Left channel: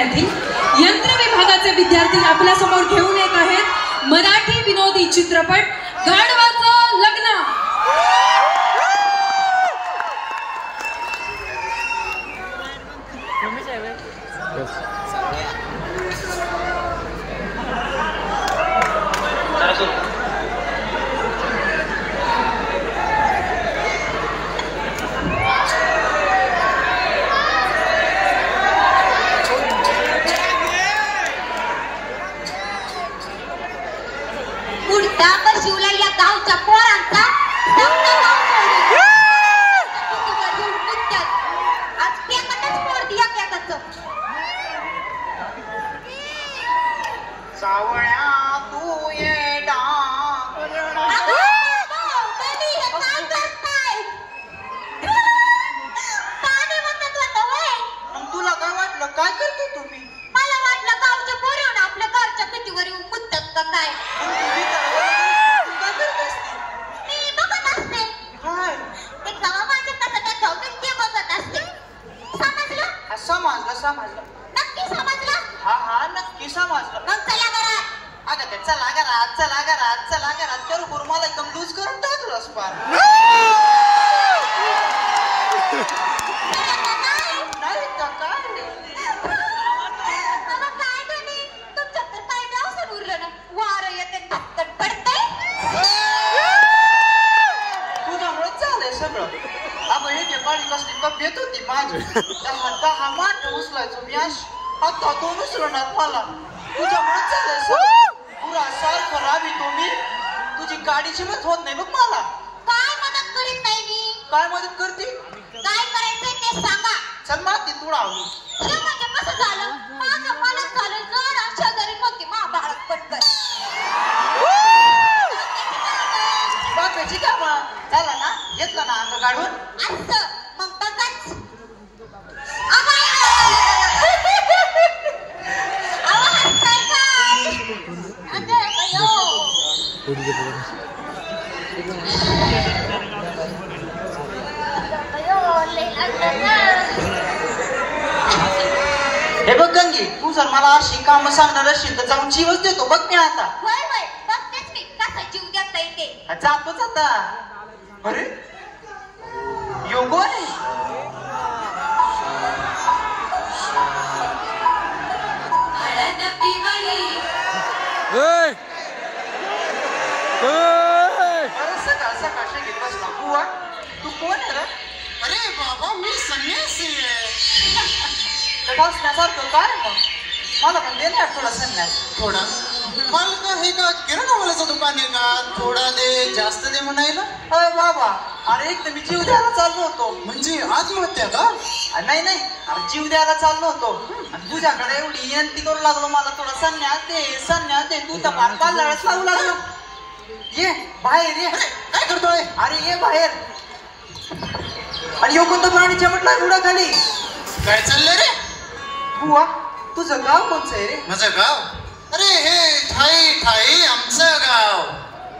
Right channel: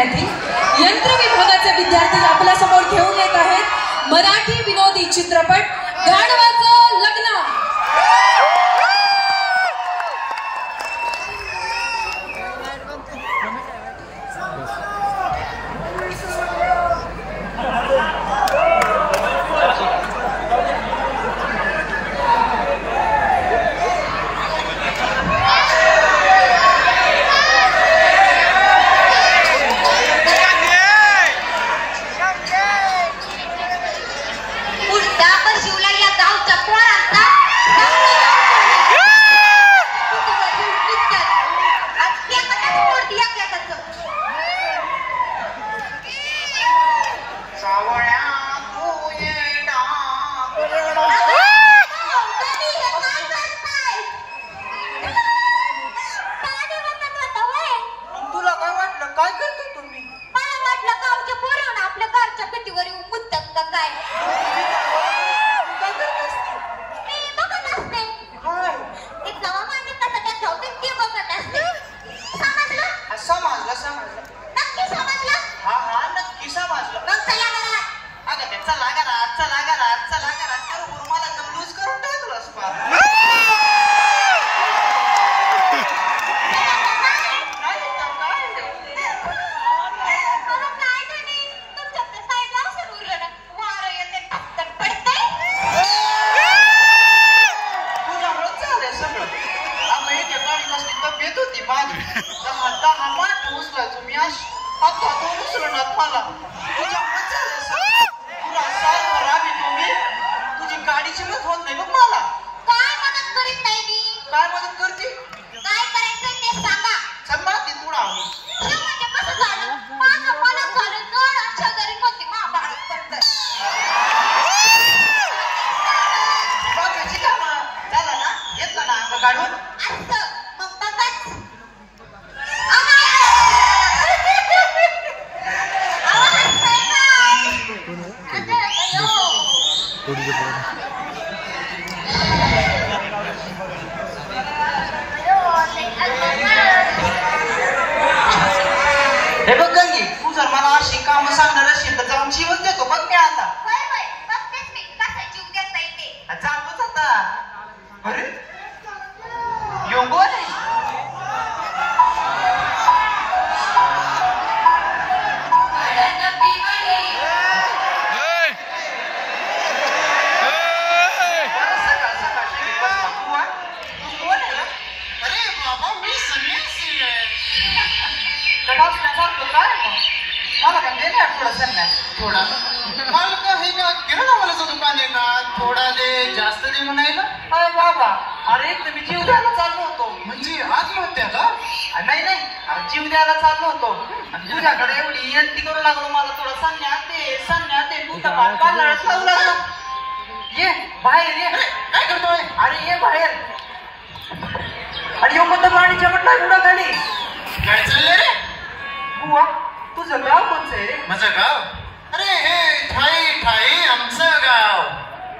करण्यासाठी यंत्र विभागाचे विद्यार्थी आपल्या समोर घेऊन येत आहेत मराठी विनोदी चित्रपट गाढवाचं लग्न। हे बघ गंगी, तू जर मला अशी काम सांगणार असेल तर जाऊन जीवच देतो बघ मी आता। बघतेच मी कसा जीव देता येते। जातोच आता। अरे योगो रे, मला पण दे ना थोडा संन्यास। थोडा मला का हे का किराणा मालाचं दुकान आहे का? थोडा दे जास्त दे म्हणायला? अरे बाबा, अरे तुम्ही जीव द्यायला चाललो होतो। म्हणजे आत्महत्या का? नाही नाही, अरे जीव द्यायला चाललो होतो आणि तुझ्याकडे एवढी विनंती करू लागलो मला थोडा संन्यास दे तू त्या बालका लढत लागू लागला। ये बाहेर ये। काय करतोय? अरे ये बाहेर। आणि यो कोणतं प्राणी चमटला एवढा खाली? काय चाललंय रे? बुवा, तुझं गाव कोणचं आहे रे? माझं गाव? अरे हे ठाई ठाई आमचं गाव।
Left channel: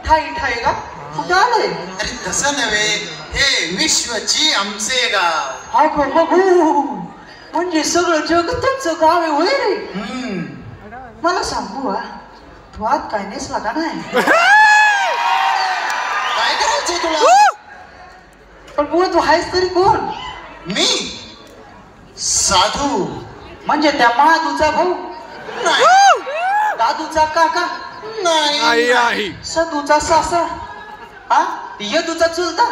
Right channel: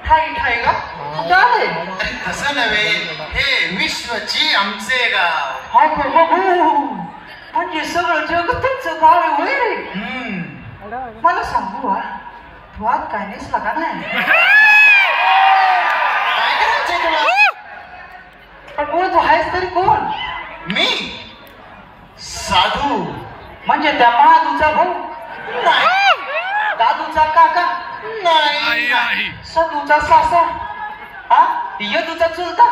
ठाई का? कुठं आलंय? अरे तसं नव्हे, हे विश्वची आमचे गाव। हाय बाबू, म्हणजे सगळं जग तुमचं गाव आहे होय रे? मला सांग बुवा, तू आज काय नेसला का नाही? काय करायचंय तुला? पण बुवा तू आहेस तरी कोण? मी साधू। म्हणजे त्या महादूचा भाऊ? नाही। दादूचा काका? नाही। सदूचा सासर? हा? यदूचा चुलता?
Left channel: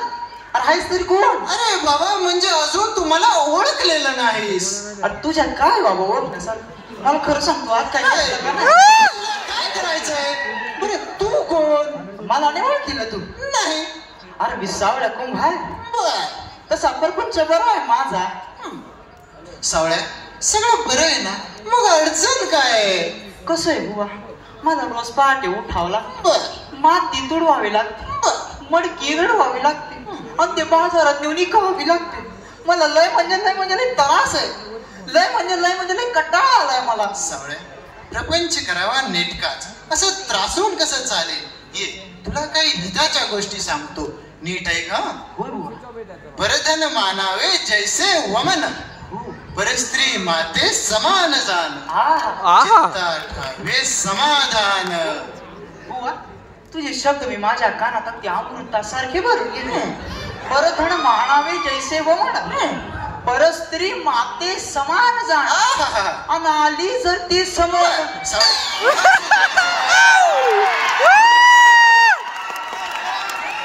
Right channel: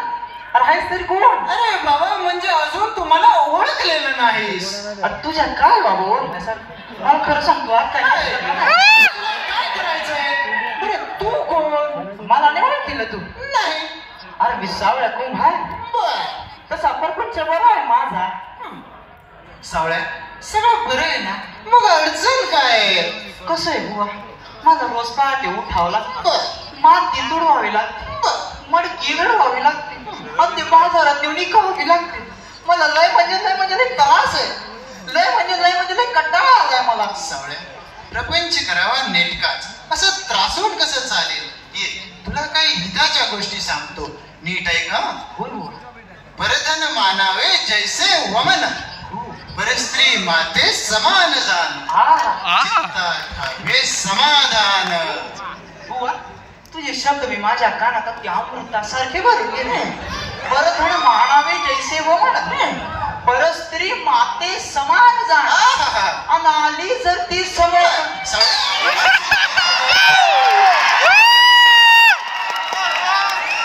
अरे आहेस तरी कोण? अरे बाबा, म्हणजे अजून तुम्हाला ओळखलेलं नाहीस। अरे तुझ्या काय बाबा ओळखण्यासारखं? मला खरं सांगतो आज काय काय करायचंय? बरं तू कोण? मला नाही ओळखीलं तू? नाही। अरे मी सावळ्या कोण आहे तसा परपंच बरा आहे माझा। सावळ्या, सगळं बरं आहे ना? मग अडचण काय? कसं आहे बुवा, मला रोज पहाटे उठावं लागतं, माती तुडवावी लागते, मडकी गडवावी लागते आणि ते बाजारात नेऊन इकावी लागते। मला लय म्हणजे त्रास आहे, लय म्हणजे कंटाळा आलाय मला। सावळ्या, प्रपंच करावा नेटकाच, असं त्रासून कसं चालेल? ये तुला काही हिताच्या गोष्टी सांगतो, नीट ऐक हा। बोल बुवा। बरधन मानावे जैसे वमन, बरे स्त्री माते समान जाण चित्तात हवे समाधान. बुवा तुझे शब्द मी माझ्या कानात अगदी अमृतासारखे भरून गेले. परधन मानावे जैसे वमन परस्त्री माते समान जाण अनाली जर ती समोर.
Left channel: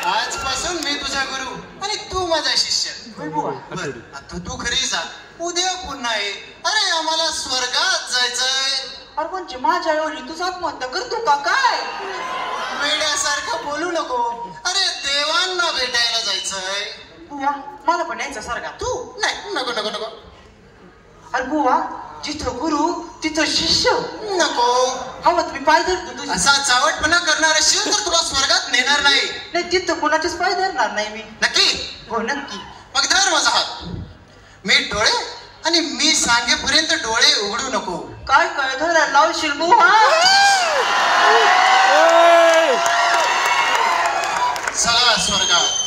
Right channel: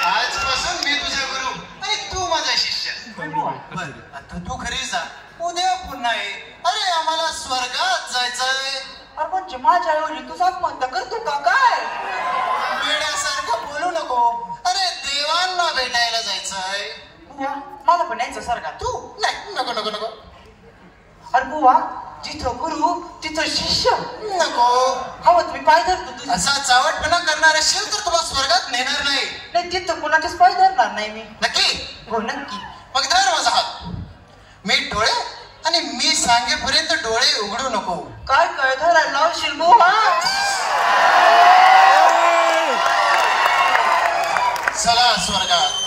आजपासून मी तुझा गुरु आणि तू माझा शिष्य. बर आता तू घरी जा, उद्या पुन्हा ये. अरे आम्हाला स्वर्गात जायचंय. अरे पण माझ्या ऐवजी तुझा अपमान करतो का काय? वेड्यासारखं बोलू नको. अरे देवांना भेटायला जायचंय. बुवा मला पण यायचं सारखा. तू नाही, नको नको नको. अरे बुवा जिथं गुरु तिथं शिष्य. नको. हवं तुम्ही पाय धरतो तुझी. असा चावटपणा करणारा शिव तर तुला स्वर्गात नेणार नाही. नाही तिथं कोणाचेच पाय धरणार नाही मी. नक्की? हो नक्की. मग धर माझा हात. मी डोळे आणि मी सांगेपर्यंत डोळे उघडू नको. काय काय धरायला लावशील बुवा? चला स्वर्गात.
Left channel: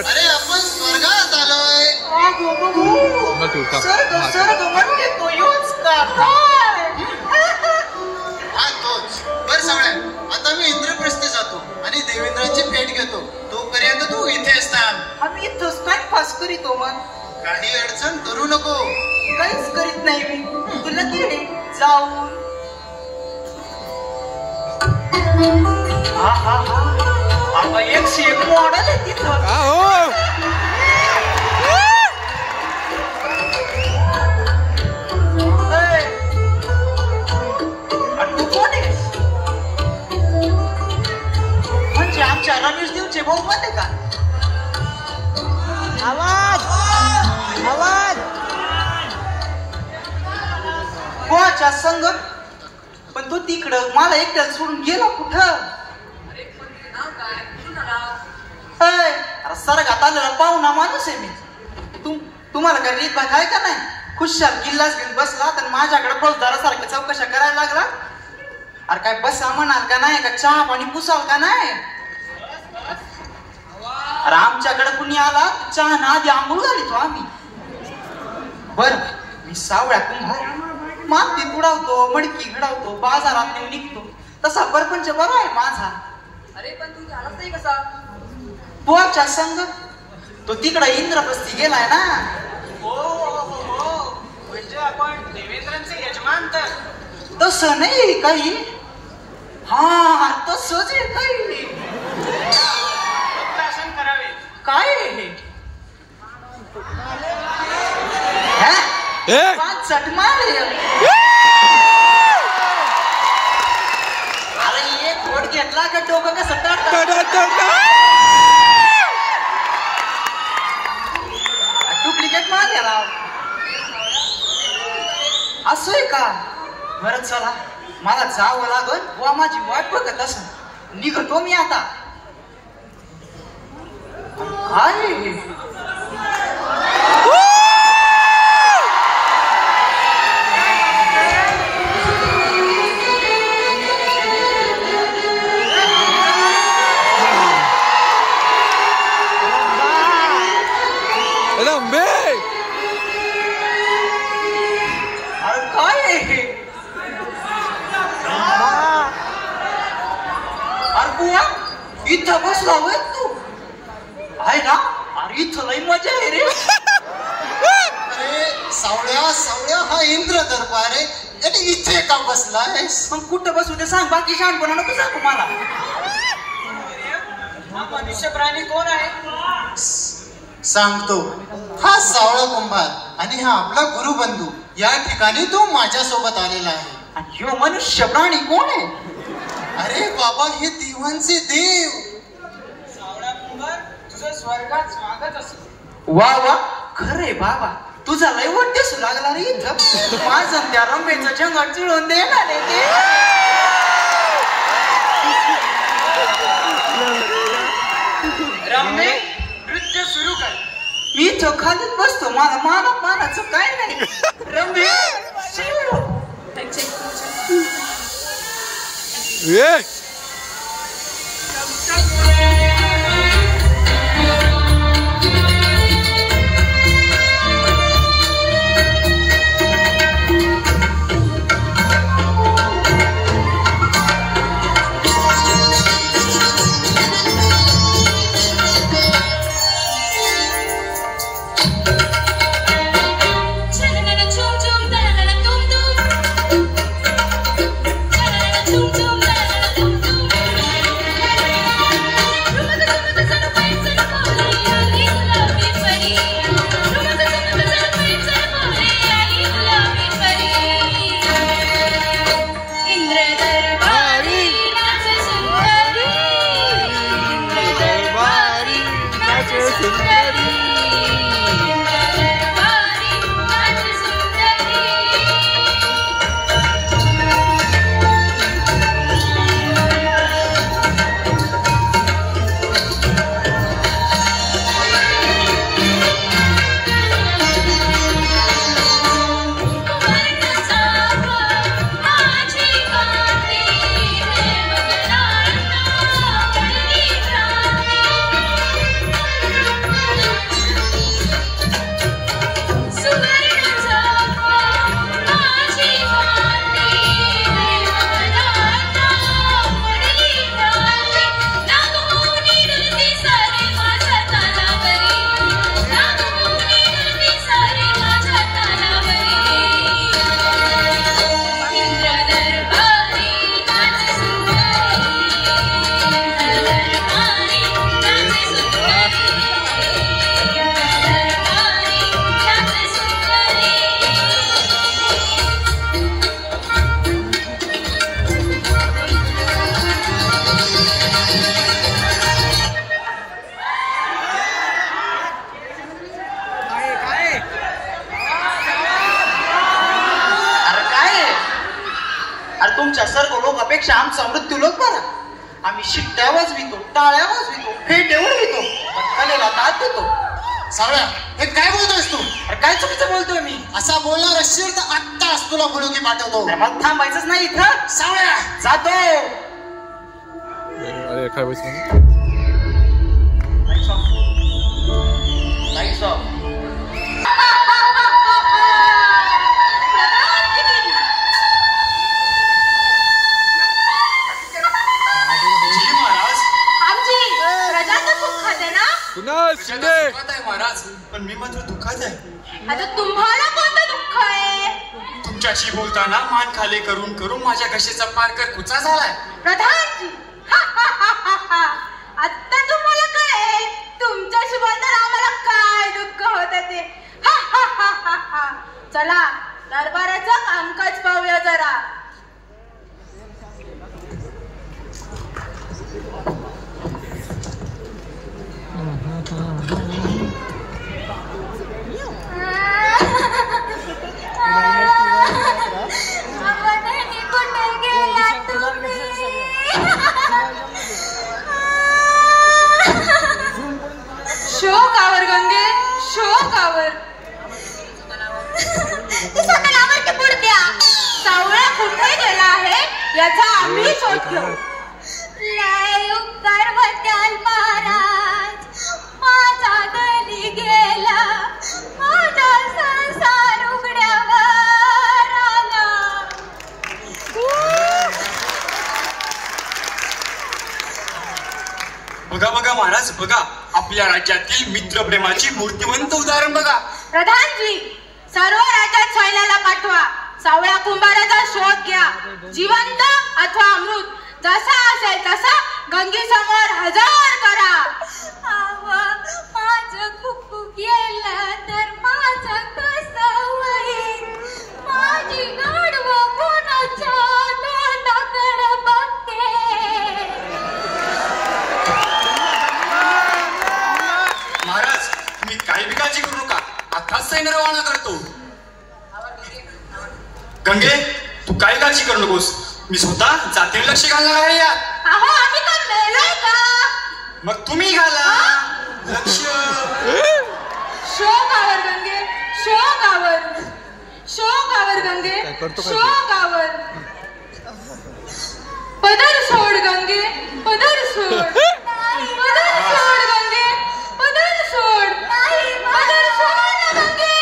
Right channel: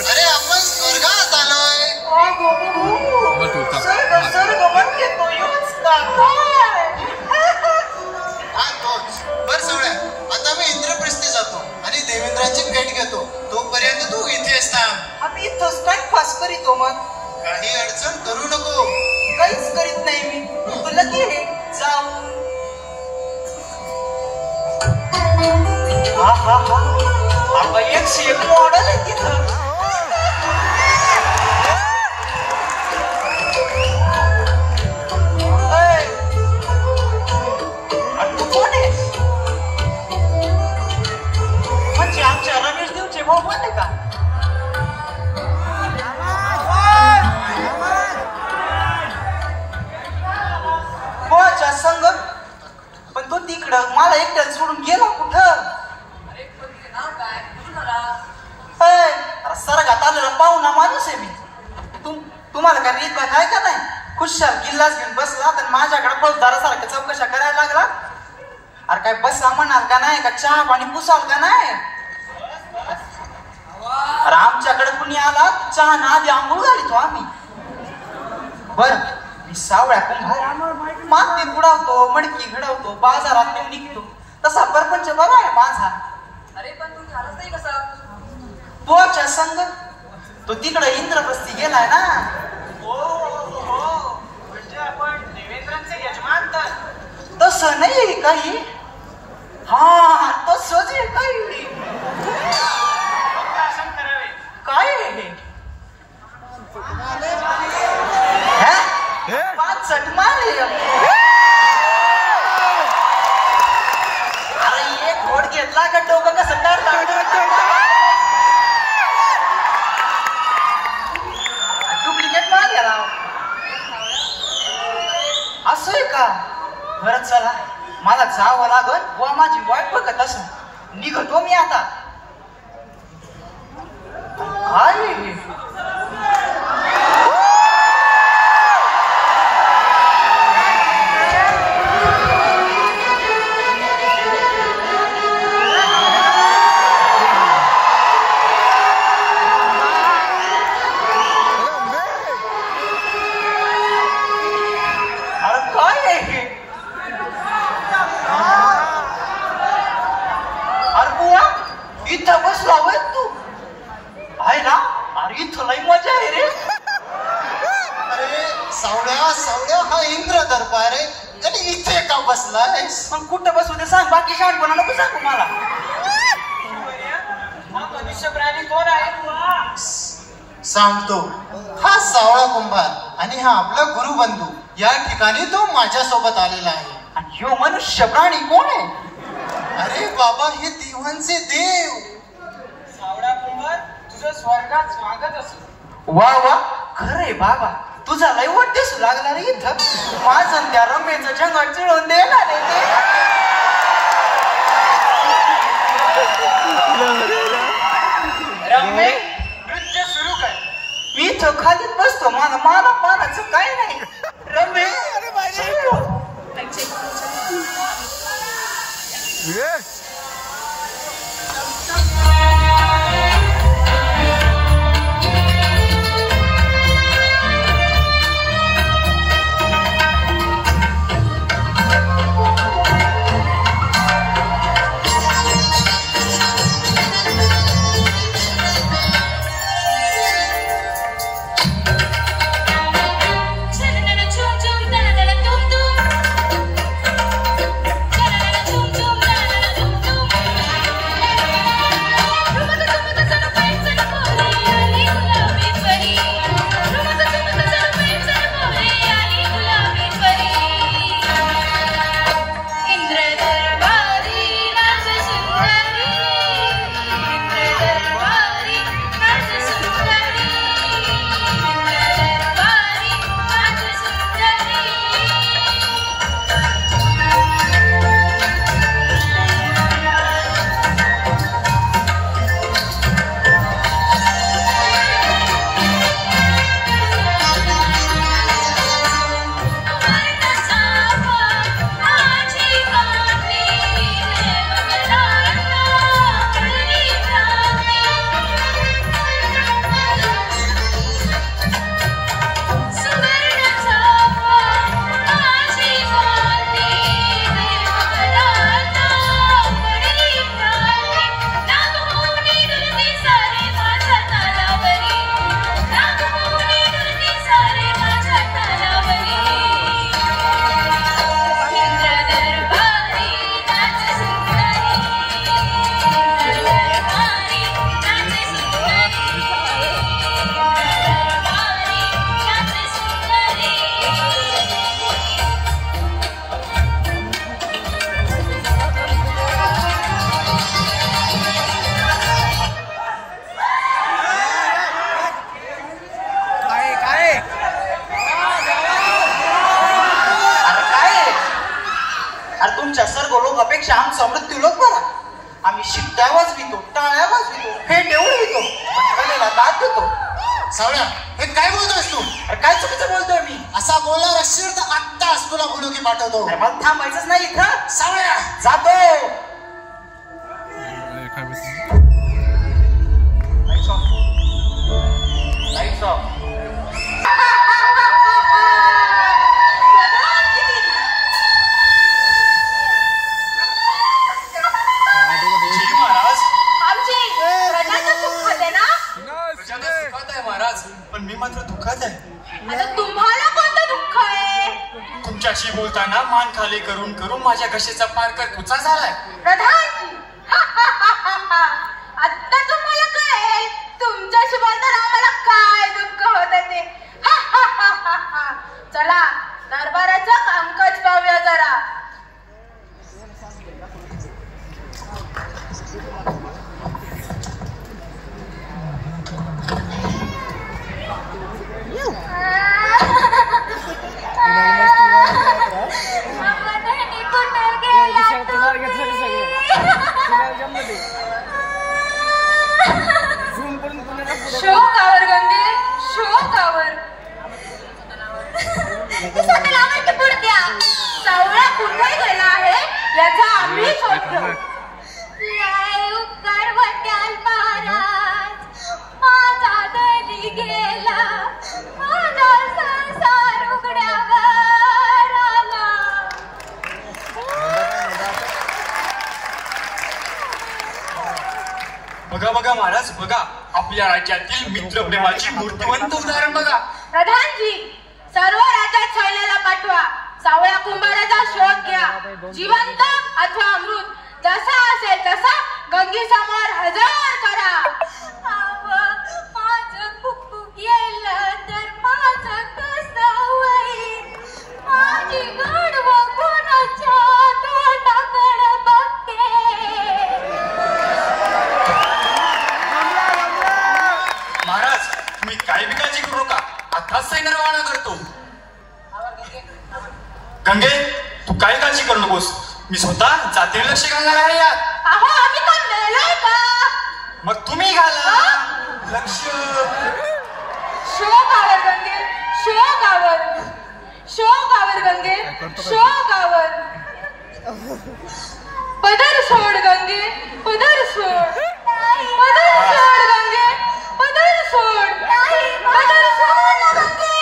अरे आपण स्वर्गात आलोय. स्वर्ग म्हणजे तो योच का काय? हा तोच. बर सगळ्या आता मी इंद्रप्रस्थी जातो आणि देवेंद्राची भेट घेतो. तोपर्यंत तू इथेच थांब. आम्ही इथंच टाइमपास करीतो. मग काही अडचण करू नको. काहीच करीत नाही मी. तुला दे जाऊन. हा हा हा आता 101 मॉडेल आहे तिथं. म्हणजे आमच्या रमेश देवचे भाऊ पण आहे का? कोणाच्या संग? पण तो तिकडं मला एकट्याला सोडून गेला कुठं? अरे सरगात आलेला पाहुणा माणूस आहे मी. तुम्हाला काय रीत आहे का नाही? खुशाल किल्लाच घेऊन बसला तर माझ्याकडे फौजदारासारख्या चौकशा करायला लागला. अरे काय बसा म्हणाल का नाही? का चहा पाणी पुसाल का नाही? अरे आमच्याकडे कुणी आला चहा ना आधी आंघोळ घाली तो आम्ही. बर मी सावळ्या कुंभार माती बुडावतो, मडकी घडवतो, बाजारात निघतो. तसा परपंच बरा आहे माझा. अरे पण तू झालाच नाही कसा? बुवाच्या संग तो तिकडे इंद्रप्रस्थी गेलाय ना. म्हणजे आपण देवेंद्रांचे यजमान तर तसं नाही काही. हा तसंच आहे काही. काय आहे हे? 5 सट मारले. अरे एक घोड घेतला का डोकं कसं डुप्लिकेट मारल्या राव. असं आहे का? बरं चला मला जावं लागल. व माझी वाट बघत असं निघतो मी आता. काय इथं बसला होय तू? आहे ना? अरे इथं लई मजा आहे रे. अरे सावळ्या सावळ्या हा इंद्र दरबार आहे आणि इथे का बसलायस? मग कुठं बसू ते सांग. बाकी शान कोणा नको सांगू मला. हा मनुष्य प्राणी कोण आहे? सांगतो. हा सावळा कुंभार आणि हा आपला गुरुबंधू. या ठिकाणी तो माझ्या सोबत आलेला आहे. आणि ह्यो मनुष्य प्राणी कोण आहे? अरे बाबा हे देवांचे देव. सावळा कुंभार तुझं स्वर्गात स्वागत असो. वा वा खरंय बाबा. तुझा लय वाट दिसू लागला रे इथं. माझं त्या रंबेचं जंगल चिळून देणार आहे ते. रंबे नृत्य सुरू कर. मी इथं खालीच बसतो. मानाचं काय नाही. रंबे तुमच्या सर्व लोकांपेक्षा आमचा मृत्यू लोक बरा. आम्ही शिट्ट्या वाजवितो, टाळ्या वाजवितो, फेटे उडवितो, कलेला दाद देतो. सावळ्या काय बोलतोयस तू? काय चुकीचं बोलतोय मी? असा बोलणार असशील तर आत्ताच तुला बोलून पाठवतो. मग थांबायचंच नाही इथं. सावळ्या जातो. महाराज पण मी मात्र दुःखात आहे. आता तुम्हाला कोणतं दुःख आहे? तुमच्याशी बोलताना मान खाली करून करून माझ्या घशाचा पारकर कुचा झालाय. प्रधानजी आता तुम्हाला कळेल तुमच्याशी बोलताना आम्हाला काय दुःख होत ते. चला दरबाराचं कामकाज पाहूया जरा. शोकावर गंगे शोकावर. सावळा कुठे गेला आहे याचा आम्ही शोध घेऊ. उपकार वाट्याल महाराज माझा दरी गेला माझा संसार उघड्यावर आला. बघा बघा महाराज बघा आपल्या राज्यातील मित्रप्रेमाची मूर्तिवंत उदाहरण बघा. प्रधानजी सर्व राज्यात सैन्याला पाठवा. सावळा कुंभाराचा शोध घ्या. जिवंत अथवा अमृत जसा असेल तसा गंगी समोर हजर करा. माझं कुकू गेलं तर माझं कसं होईल. माझी गडव कोणाच्या तोंडाकडे बघते. महाराज तुम्ही काही बी काळजी करू नका. आताच सैन्य रवाना करतो. गंगे तू काही काळजी करू नकोस. मी स्वतः जातीने लक्ष घालणार आहे यात. अहो आम्ही तर मेलोय का? मग तुम्ही घाला लक्ष. शो गावर गंगे शो गावर गंगे शो गावर पदर सोड गंगे पदर सोड गंगे पदर सोड ना गंगे.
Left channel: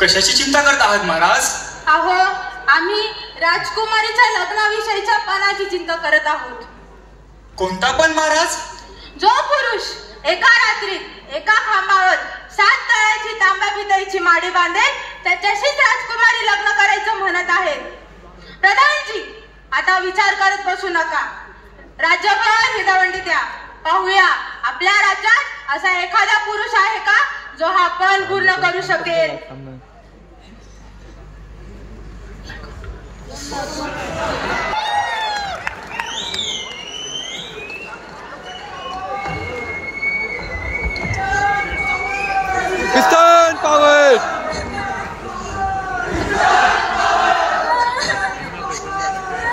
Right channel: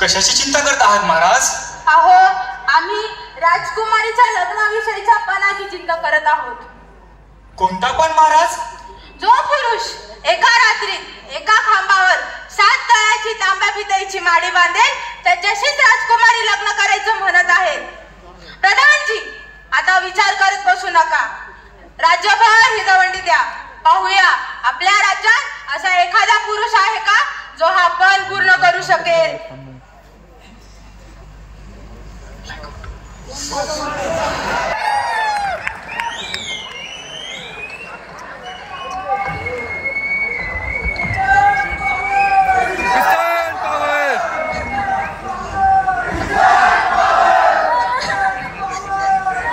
कशाची चिंता करत आहात महाराज? अहो आम्ही राजकुमारीच्या लग्नाविषयीच्या पानाची चिंता करत आहोत. कोणता पण महाराज? जो पुरुष एका रात्रीत एका खांबावर 7 तळ्याची तांब्या पितळीची माडी बांधेल त्याच्याशीच राजकुमारी लग्न करायचं म्हणत आहे. प्रधानजी आता विचार करत बसू नका. राज्यभर ही दवंडी द्या. पाहूया आपल्या राज्यात असा एखादा पुरुष आहे का जो हा पण पूर्ण करू शकेल. Piston power!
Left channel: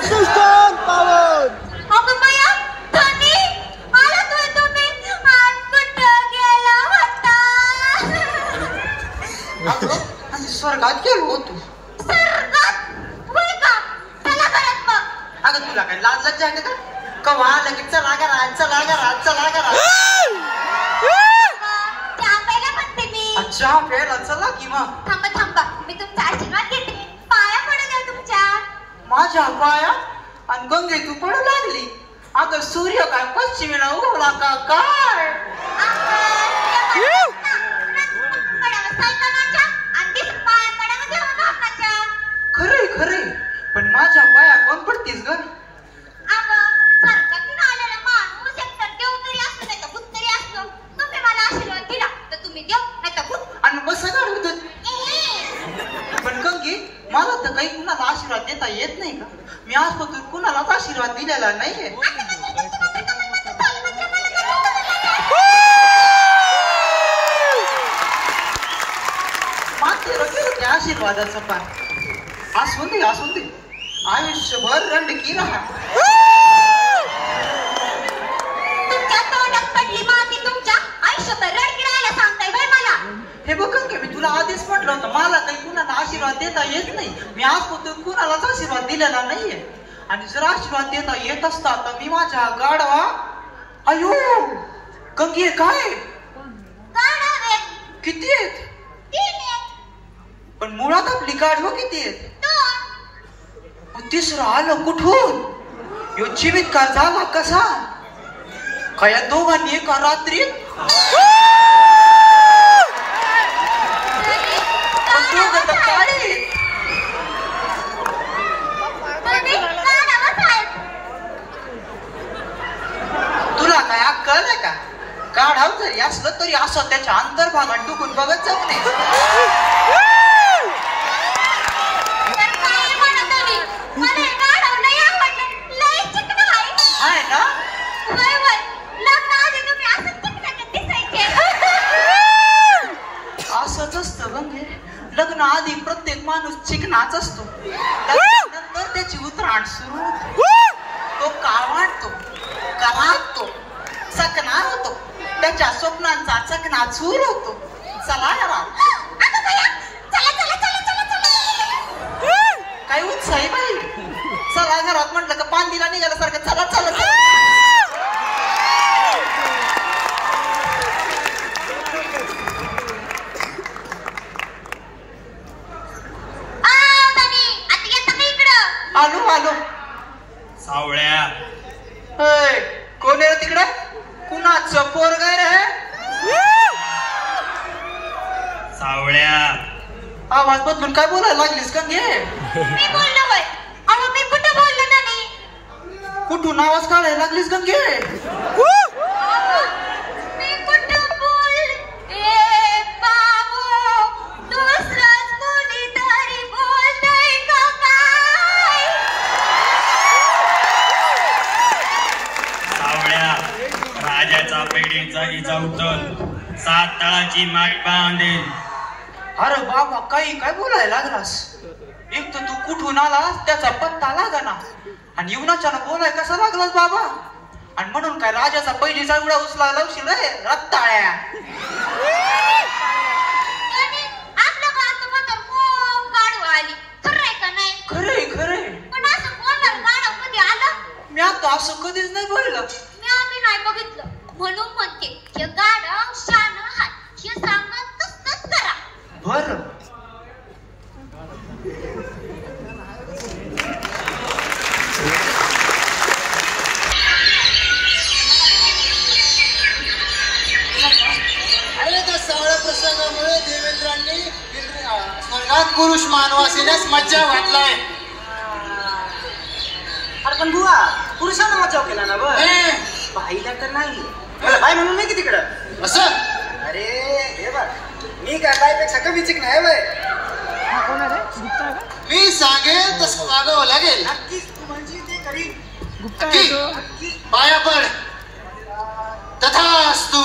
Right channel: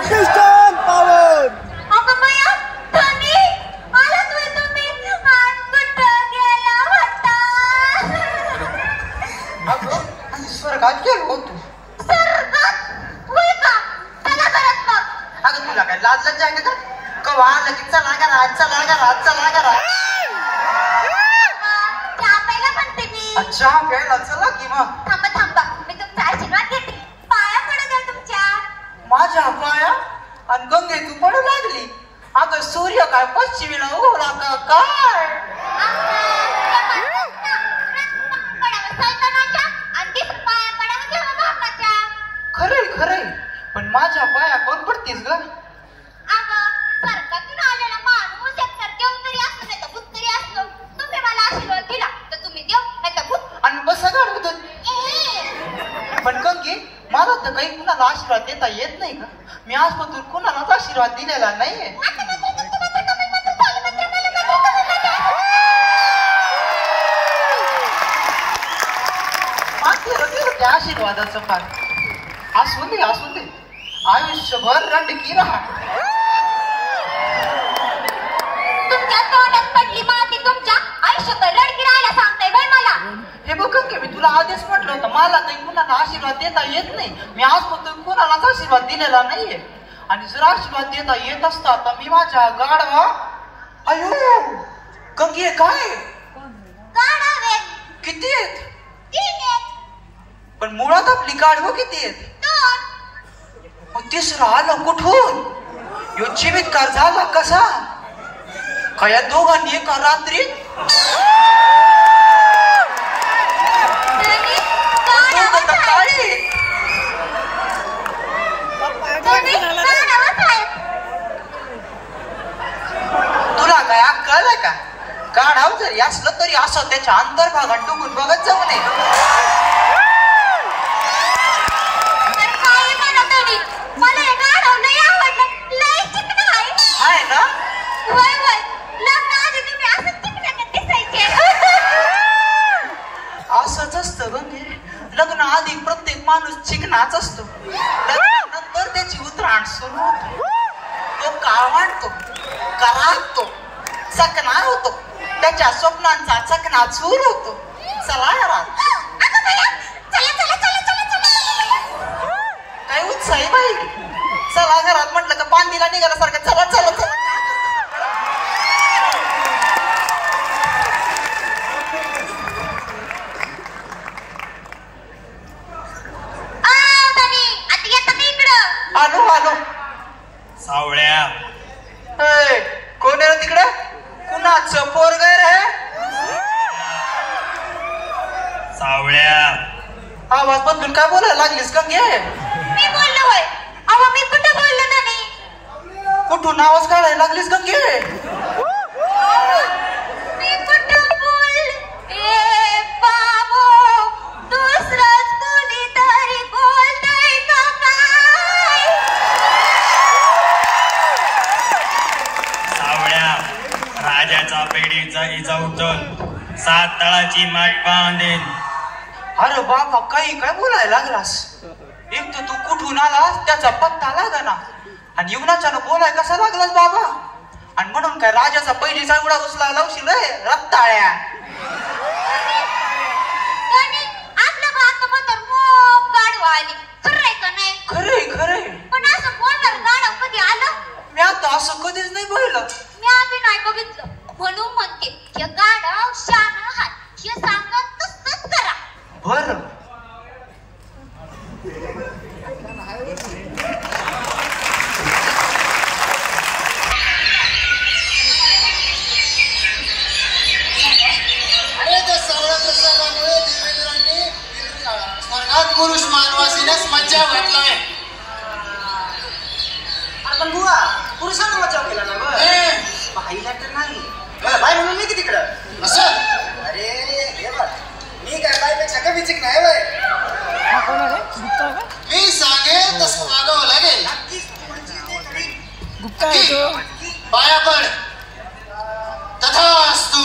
Piston power! अगं बाया, थांबी. आलात होय तुम्ही? आज कुठं गेला होता? अगं, स्वर्गात गेलो होतो. स्वर्गात? होय का? चला परत मग. अगं तुला काय लाज लज्जा आहे का? कवा लगेच चला घरात. चहा प्यायला म्हणते मी. चहा प्यायला चला की मग. थांबा. मी तुमचा आशीर्वाद घेते. पाया पडू द्या तुमच्या. माझ्या पाया आणि गंगे तू पडू लागली. अगं सूर्य काय पश्चिमेला उगवला का काय? खरंय पण माझ्या पाया कोण पडतीस ग? सरकारतून आलेला माणूस एकतर देव तरी असतो नाही तर भूत तरी असतो. तुम्ही मला आशीर्वाद दिला तर तुम्ही देव नाही तर भूत. आणि बस सगळं पण गंगे मला तर काही कुणाला आशीर्वाद देता येत नाही का? मी आजपासून कुणालाच आशीर्वाद दिलेला नाहीये. मात्र त्या आशीर्वादाचं पान असून दे आयुष्यभर रंडकी राहा. तुमच्या तोंडात पडली माती तुमच्या आयुष्यभर रडकी राहायला सांगताय बाई मला. हे बघ गंगे मी तुला आधीच म्हटलं होतं मला काही कुणाला आशीर्वाद देता येत नाही. मी आजपासून कुणालाच आशीर्वाद दिलेला नाहीये. आणि जर आशीर्वाद देता येत असता तर मी माझ्या गाढवा अयो गंगे काय किती आहेत? पण मुळात आपली गाढवं किती आहेत? मग तिसरं आलं कुठून? यो चिमितकार झाला कसा? काय या दोघांनी एका रात्रीत तुला काय अक्कल आहे का? गाढव जरी असलं तरी असं त्याच्या अंतर्भागात डुकून बघत जाऊ नये. आहे ना? असंच असतं गंगे. लग्न आधी प्रत्येक माणूस चिकनाच असतो. नंतर त्याची उतराण सुरू होते. तो काळवाणतो, कराडतो, चकना होतो. त्याच्या स्वप्नांचा चकना चूर होतो. चला घरात. काही उत्साही बाई. चला घरात म्हटलं का पांदीला निघाल्यासारखं चला. आलो सावळ्या. कोण आहे तिकडे? कुणाचं पोरग रे? सावळ्या आवाज बदलून काय बोलायला लागलीस का? घे मी बोललो होय. अहो मी कुठं बोललो नाही. कुठून आवाज काढायला लागलीस गंगे? मी कुठं बोलते बाबो. दुसरंच कोणीतरी बोलतंय का काय? सावळ्या राजाचा पेढीचा इजा उचल 7 तळाची माठ बांधेल. अरे बाबा काही काय बोलायला लागलास? एक तर तू कुठून आलास त्याचा पत्ता लागाना आणि येऊनाच्यानं बोलाय कसा लागलास बाबा आणि म्हणून काय राजाचा पहिलीचा एवढा उचला लावशील रे रक्ताळ्या खरे खरे पण असं बोलणार गाणं कधी आलं मी आता असं कधीच नाही बोललं मी आधी नाही बघितलं म्हणून म्हणते हे गाणं शान हात हे सांगत तसंच करा बर अरे त्या सावळ्या प्रसंगामुळे देवेंद्रांनी स्वर्गात पुरुष मानवासीनेच मज्जा वाटलाय. अरे पण बुवा पुरुषानं मजाव केला ना बरं पाहिला तर नाही बाय म्हणून मी किती तिकडं असं अरे हे बघ मी काय बायपेक्षा कमी चिकन आहे वय मी सांगेल तसं वागावं लागेल. नक्कीच तू म्हणजे ते कधी नक्की पाया पड तथास्तु.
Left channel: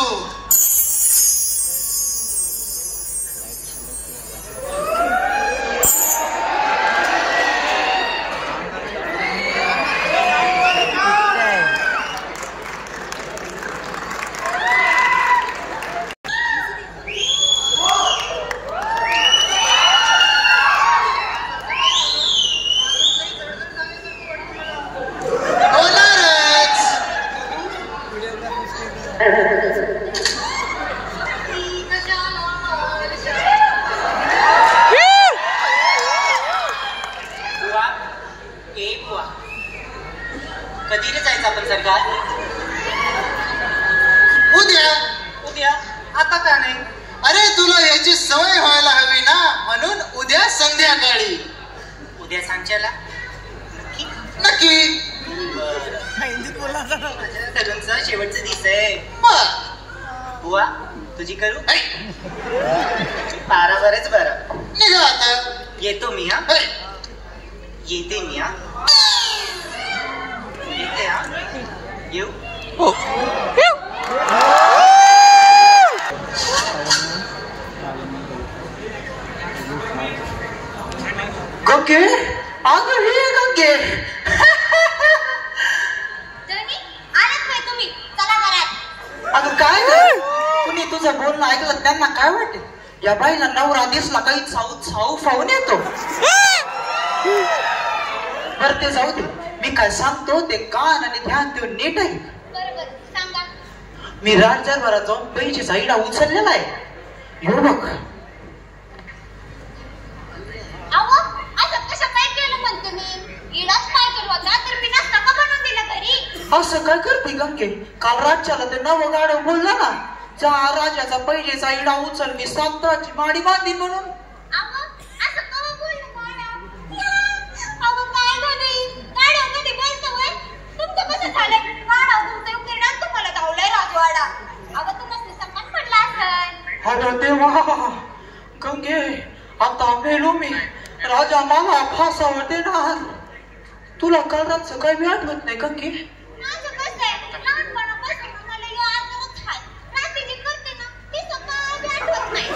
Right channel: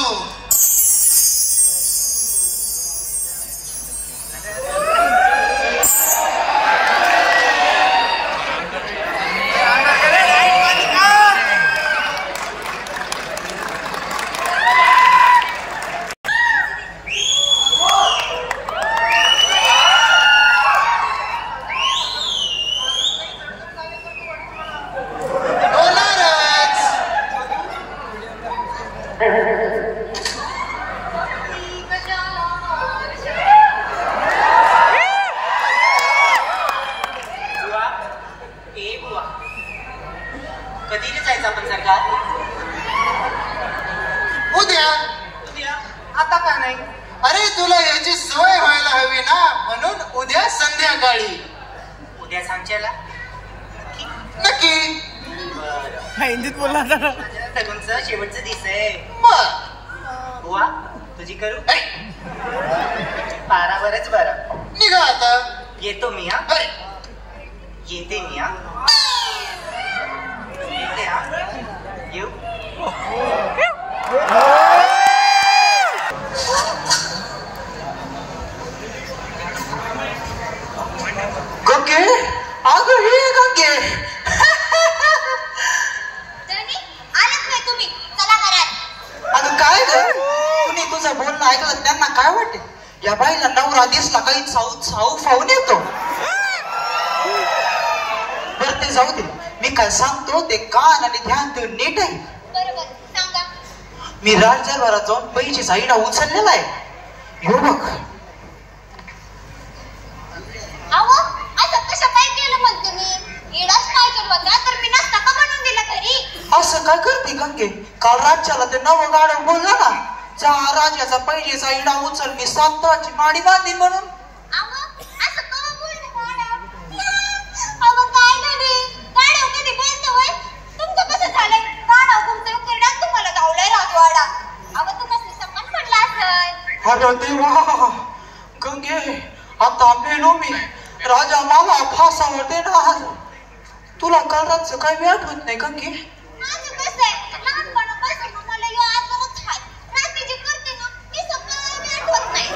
कधी जायचं आपण सरकार उद्या उद्या आता का नाही अरे तुला याची सवय व्हायला हवी ना म्हणून उद्या संध्याकाळी. उद्या सांच्याला नक्की तरुणचं शेवटचं दिवस आहे मग बुवा तुझी करू तारा बरंच बरं निघा आता. येतो मी हा हे, येते मी हा येते हा येऊ गंगे अगं हे गंगे आलंच नाही तुम्ही चला घरात अगं काय ग कुणी तुझं बोलणं ऐकलं त्यांना काय वाटेल या बाईला नवरा दिसला काही साऊ फावून येतो. बर ते जाऊ दे मी काय सांगतो ते कान आणि ध्यान देऊन नीट आहे. बरोबर सांगा मी राज्याभरात जाऊन पैसे साईडा उचललेला आहे हो बघ. अहो असं कसं काय केलं म्हणते मी इडाच पाहिजे होता तर मी नसता का बनवून दिलं घरी. असं काय करते गंगे काल राज्याला ते नवं गाडं बोलला ना चार राजाचा पहिलेचा इडा उचल मी संत्राची माडी बांधली म्हणून. अहो असं का बोलले मॅडम. अहो काय झाले मॅडम कधी बोलतो होय तुमचं कसं झालंय मॅडम तुमचं उकिरडा तुम्हाला धावलाय राजवाडा. अहो तू कसं सन्मान पडला असेल. अरे देवा गंगे आता मेलो मी राजा मला फासावर देणार. तुला काल रातचं काही वेळ आठवत नाही गंगे. माझं कसं आहे लहानपणापासून मला यो आजारच आहे. रात्री जे करते ना मी सकाळी आठवत नाही.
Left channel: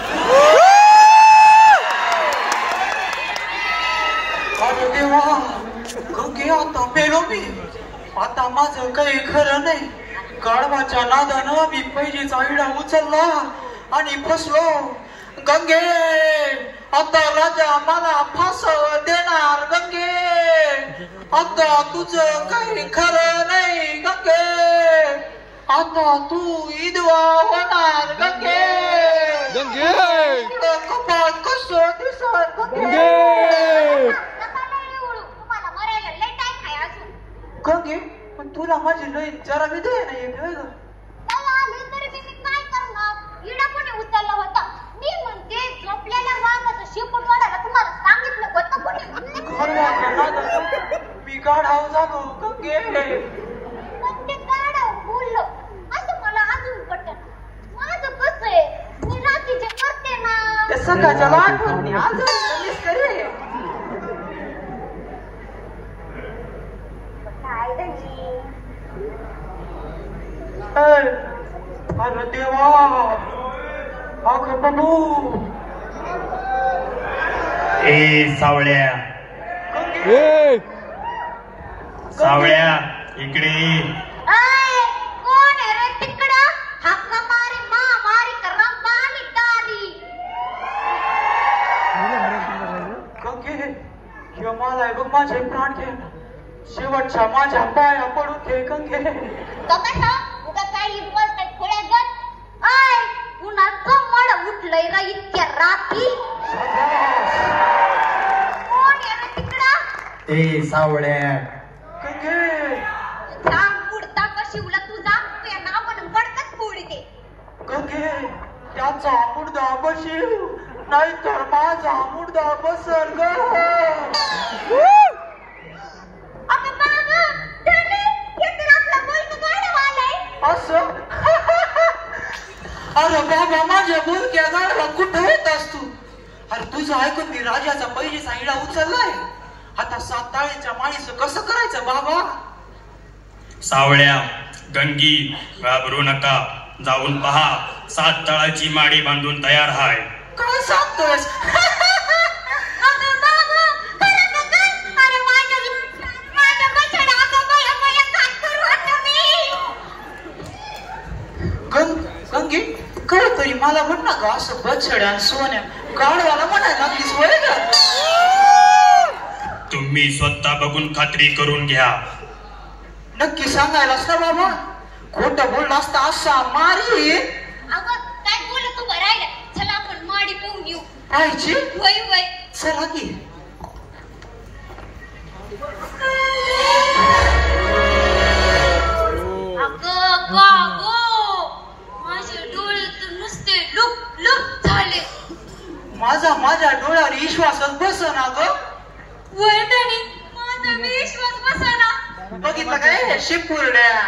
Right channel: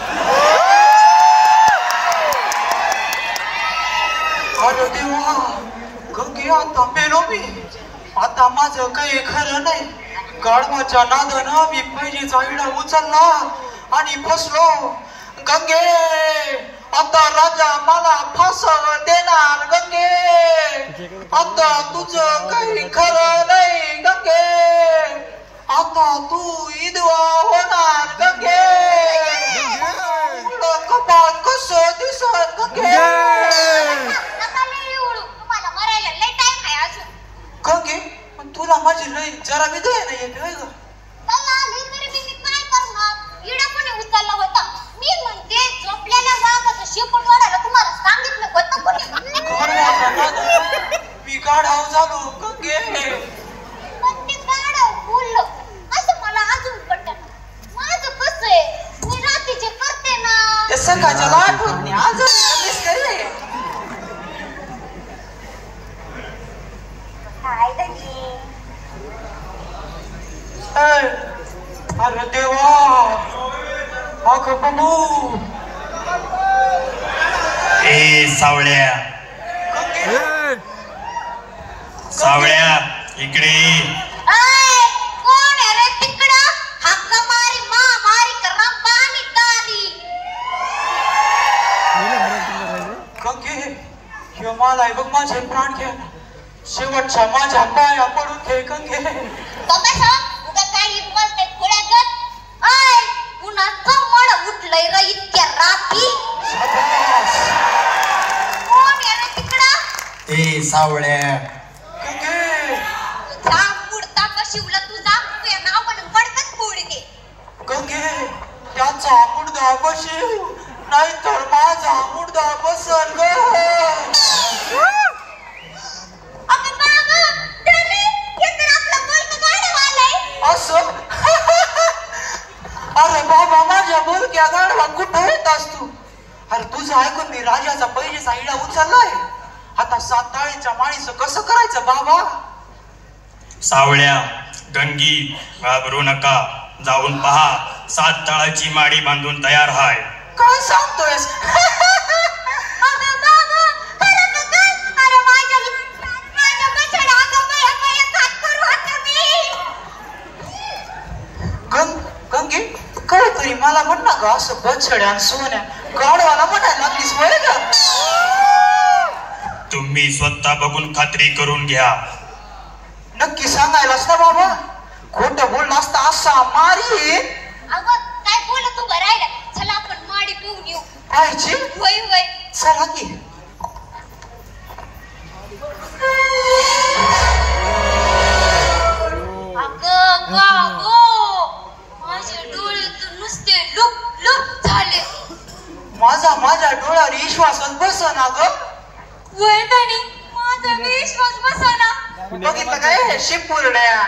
अरे देवा गंगे आता मेलो मी. आता माझं काही खरं नाही. गाढवाच्या नादानं मी पहिलीचा इडा उचलला आणि फसलो. गंगे आता राजा मला फासावर देणार. गंगे आता तुझं काही खरं नाही. गंगे आता तू विधवा होणार. गंगे कपाळ कसं दिसत. गंगे नका लई उडू तुम्हाला मरायला लई टाइम आहे अजून. गंगे पण तुला माझी लई जरा बी दया नाही येत होय ग. मला आली तरी मी काय करणार. इडा कोणी उचलला होता. मी म्हणते झोपलेल्या वाघाचं शेपूट वाढायला तुम्हाला सांगितलं होतं कोणी. मी गाढाव झालो गंगे. पण ते गाढव बोललं असं मला अजून पटत. माझं कसं आहे मी रात्री जे करते ना ते सकाळच्या आठवत नाही आज मिस करे. काय धनी अरे देवा अगं बघू ए सावळ्या सावळ्या इकडे ये. कोण आहे रे तिकडं? हक्क मारी मारी करा पाणी तारी. गंगे ह्यो मला आहे बघ माझे प्राण घे शेवटच्या माझ्या पाया पडून घे गंगे. उगा काही बोलतोय खोळ्यागत. उन्हाचं मळ उठलंय र इतक्या रात्री. कोण आहे रे तिकडं? ए सावळ्या गंगे बुडता शिवला तुझा तुझ्या नाव पण बडकत बुडके. गंगे त्याचा मुडदा बशीव नाही तर माझा मुडदा बसल ग. अगं बाबा धरे हे तर आपला मुलगा गाडवालाय. असं अरे बाबा माझ्या मुलग्या गाडवा कुठे येत असतो. अरे तुझं ऐकून मी राजाचा पहिले साईडला उचललाय. आता 7 ताळीच्या माळीचं कसं करायचं बाबा. सावळ्या गंगी घाबरू नका. जाऊन पहा 7 तळाची माडी बांधून तयार हाय. काय सांगतोयस. अगं बाबा खरं का काय? अरे माझ्या बछडा अगं बया काय करू आता मी. गंगे कळ तरी मला म्हण ना ग असं बछड्या आणि सोन्या गाडवाला म्हणायला लागलीस वय का. तुम्ही स्वतः बघून खात्री करून घ्या. नक्की सांगायलास ना बाबा. खोटं बोललं असता असा मारी. अगं काय बोलत उभं राहिलं. चला आपण माडी पोहून येऊ. पाहिजे वय वय चला की. अगं कागो माझे डोळे तर नुसते लुक लुक झाले. माझ्या डोळ्यावर विश्वासच बसना ग. वय तनी माझा विश्वास बसना. बघितलं काय शिंपुरड्या.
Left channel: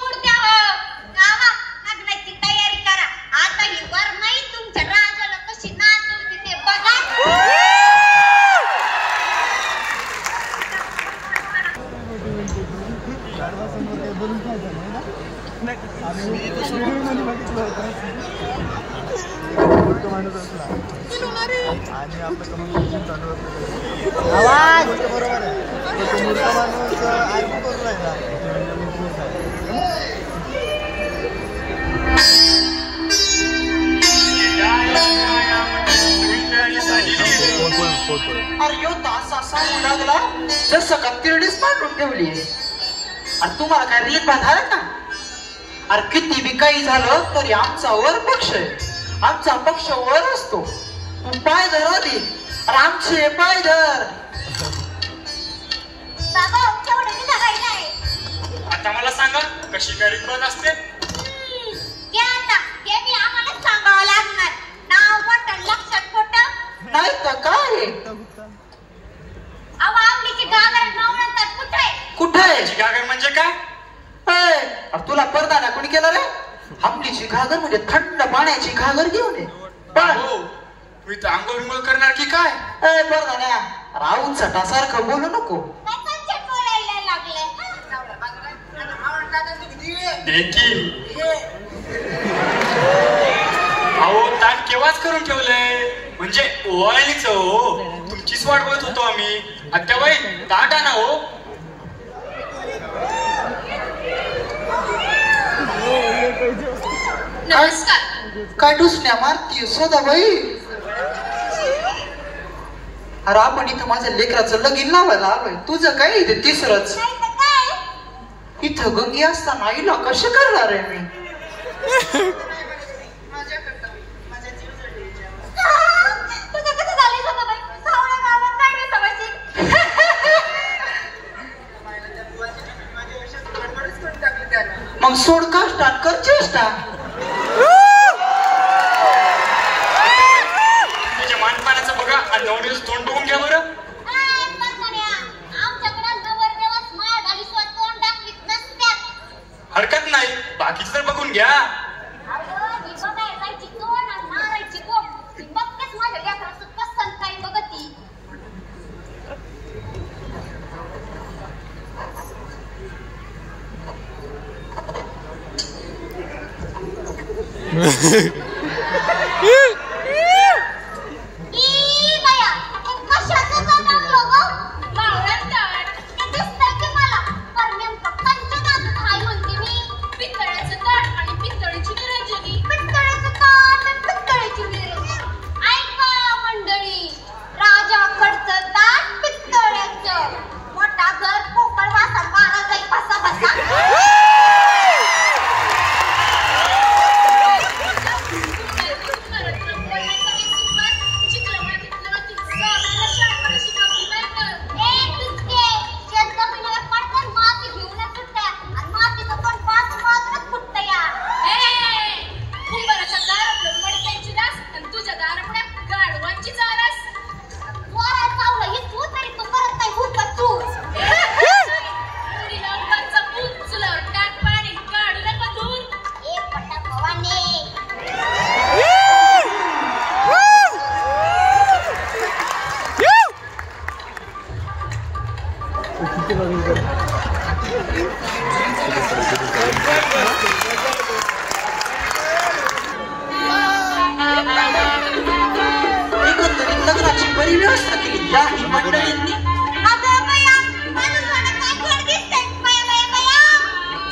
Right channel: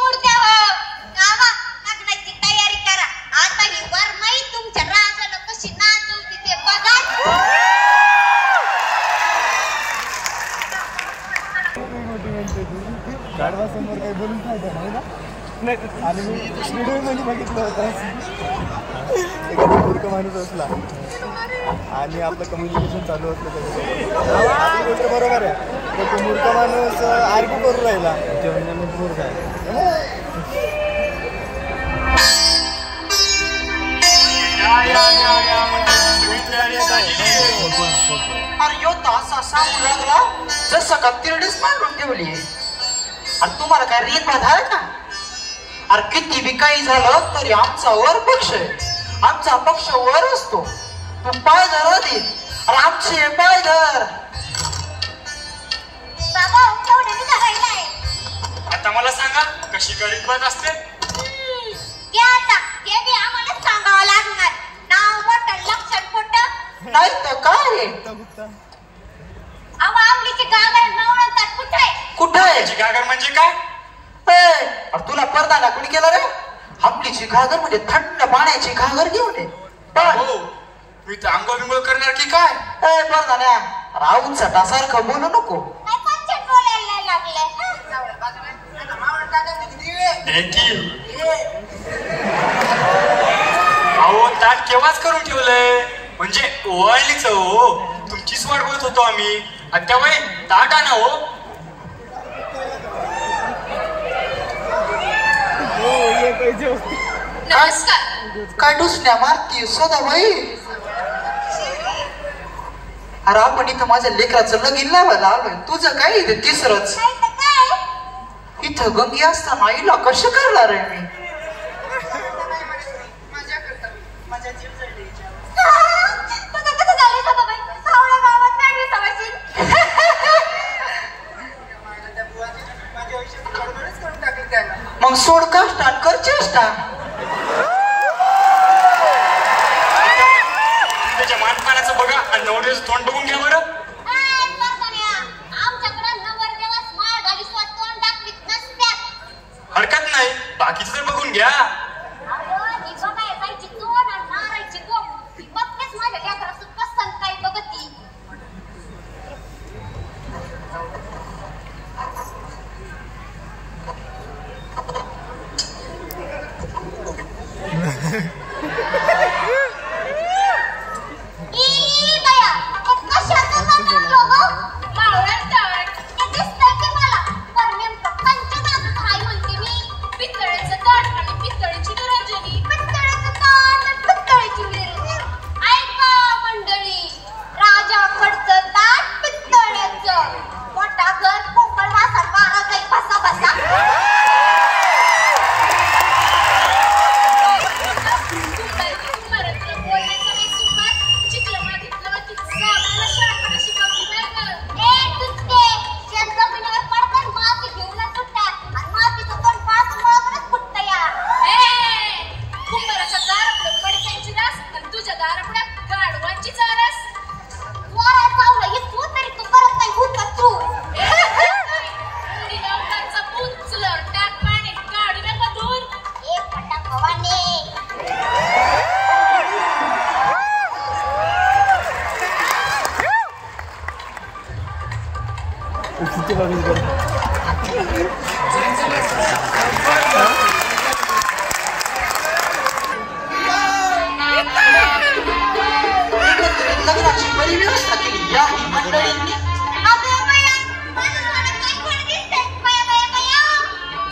मुर्द्या हो गावा लग्नाची तयारी करा. आता ही वर नाही तुमच्या राजाला कशी नाचवते ते बघा. आणि आपलं कम्युनिकेशन चालू होतं बरोबर आहे. माणूस आर्ग्यू करून राहिला अरे यो तासा सांगू लागला जसं का तिरडीच मांडून ठेवली. आणि तुम्हाला काय रीत बांधाय का. अरे किती बी काही झालं तरी आमचा वर पक्ष आहे. आमचा पक्ष वर असतो. तू पाय धर आधी. अरे आमचे पाय धर. बाबा तेवढं निघायला नाही. आता मला सांगा कशी गाडी बघ असते. ते आता ते बी आम्हाला सांगावं लागणार. नाव मोठं लक्षात खोटं नाही तर काय. अहो आपलीची गागर नाव म्हणतात कुठे. कुठे गागर म्हणजे काय. अरे तुला परदाना कोणी केला रे. आपलीची घागर म्हणजे थंड पाण्याची घागर घेऊन ये. मी तर आंघोळ बिंगोळ करणार की काय. परदान्या राऊत सटासारखं बोलू नको. काय पंचायत बोलायला लागले. अहो ताट केव्हाच करून ठेवलंय. म्हणजे ओवाळणीच हो. तुमचीच वाट बघत होतो आम्ही. आता बाई ताट आणा हो. नमस्कार. काय डुसण्या मारती सदाबाई. अरे आपण इथं माझ्या लेकराचं लगीन लावायला आलोय. तुझं काय इथे तिसरंच. इथं गंगी असताना आईला कशा करणार आहे मी. कसं झालंय सदाबाई. सावळ्या गावात काढली सवायची. मग सोड कष्टा कर चेष्टा. त्याच्या मानपानाचं बघा आणि नवरीचं तोंड बघून घ्या बरं. आमच्याकडे नवरदेवास माळ घाली तोंड दाखवीत नसत्यात. हरकत नाही बाकीचं तर बघून घ्या. अहो ही बघायची तोंड आणि मारायची बोट. ती बघतेच माझ्या लेकराचं पसंत काही बघती. बया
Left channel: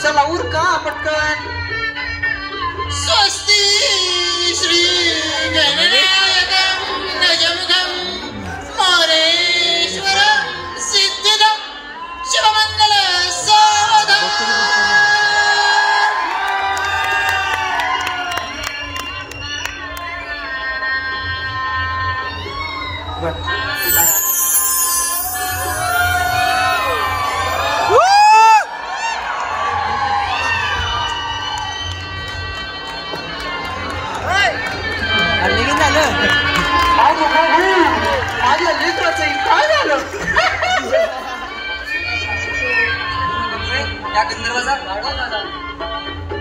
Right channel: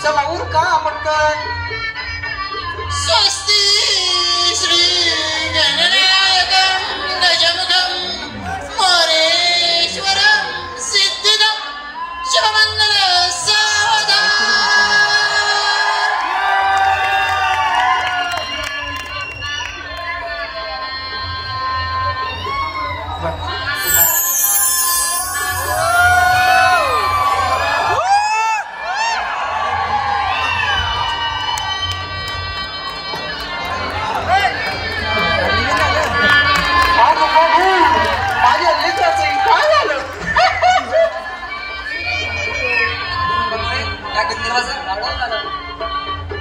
चला उरका पटकन. स्वस्ति श्री गणनायकं गजमुखं मोरेश्वर सिद्धिदं शिवमंगल साधा. माझ्या लेकराचं काय झालं?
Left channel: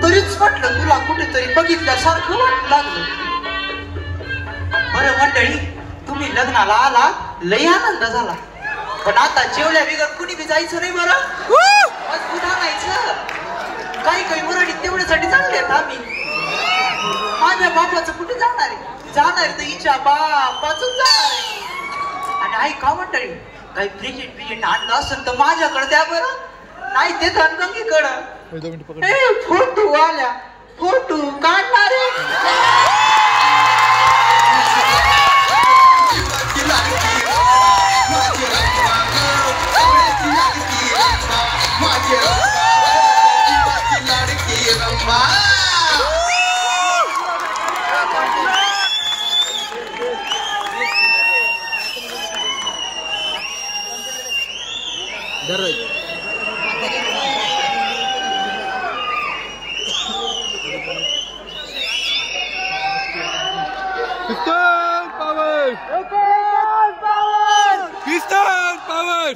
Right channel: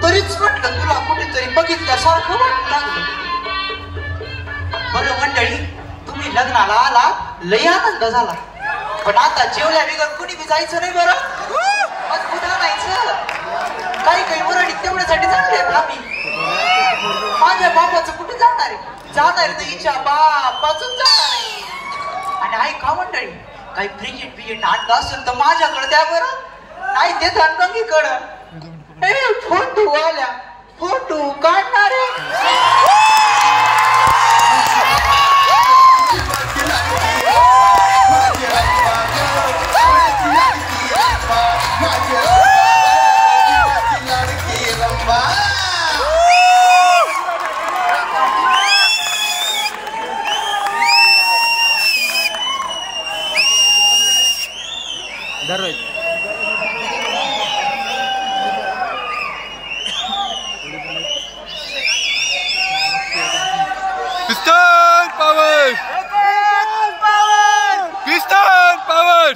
तरीच म्हटलं तुला कुठेतरी बघितल्यासारखं लागलं. बरं मंडळी, तुम्ही लग्नाला आला लय आनंद झाला, पण आता जेवल्या बिगर कुणी बी जायचं नाही. बरं आज पुन्हा जायचं. काही काही मुराडी तेवढ्यासाठी चांगले आहेत. आम्ही माझ्या बापाचं कुठे जाणार आहे? जाणार तर हिच्या बापाच जाणार आहे. आणि ऐका मंडळी, काही क्रिकेट आणलं असेल तर माझ्याकडे द्या बरं, नाही ते धनगंगीकडं. फोटो आल्या, फोटो काढणार Piston power! Piston power!